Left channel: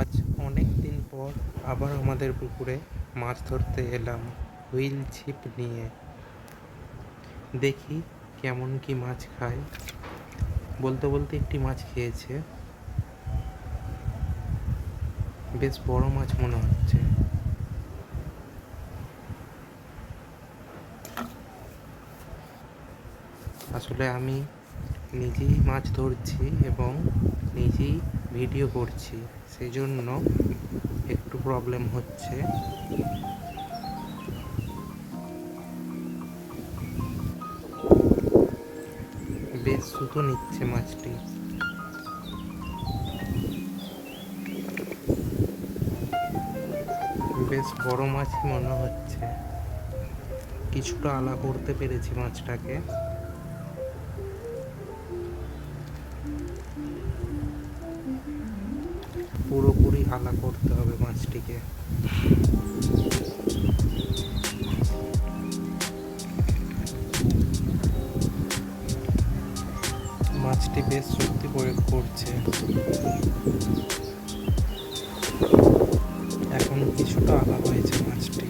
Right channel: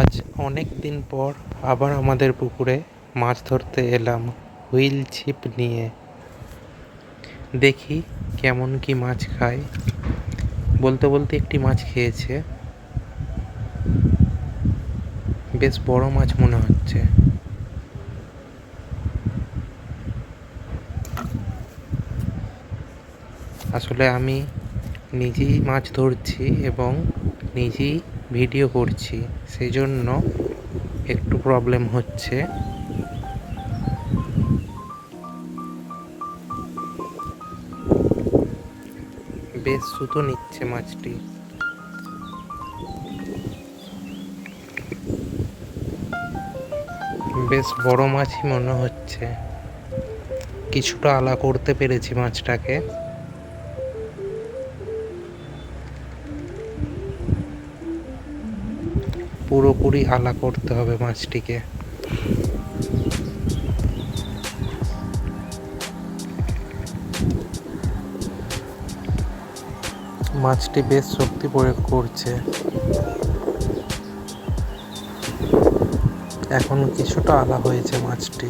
আজ অনেক দিন পর আবার আমাদের পুকুরে মাছ ধরতে এলাম হুইল ছিপ নিয়ে। দেখি কেমন কি মাছ খায়। বলতে বলতে একটি মাছ খেয়েছে, বেশ বড় মাছ মনে হচ্ছে। আসলে আমি নিজেই মাছ ধরছি এবং নিজেই ভিডিও করছি, সেই জন্য একটু প্রবলেম হচ্ছে। বেশ সুতো নিচ্ছে মাছটি। বেশ বড় মাছই মনে হচ্ছে। কিছুটা আলা করতে পেরেছি মাছটাকে। পুরোপুরি আলা করতে হবে মাছটিকে। মাছটি বেশ শক্তি প্রয়োগ করছে। এখন কিছুটা আলা হয়েছে মাছটি।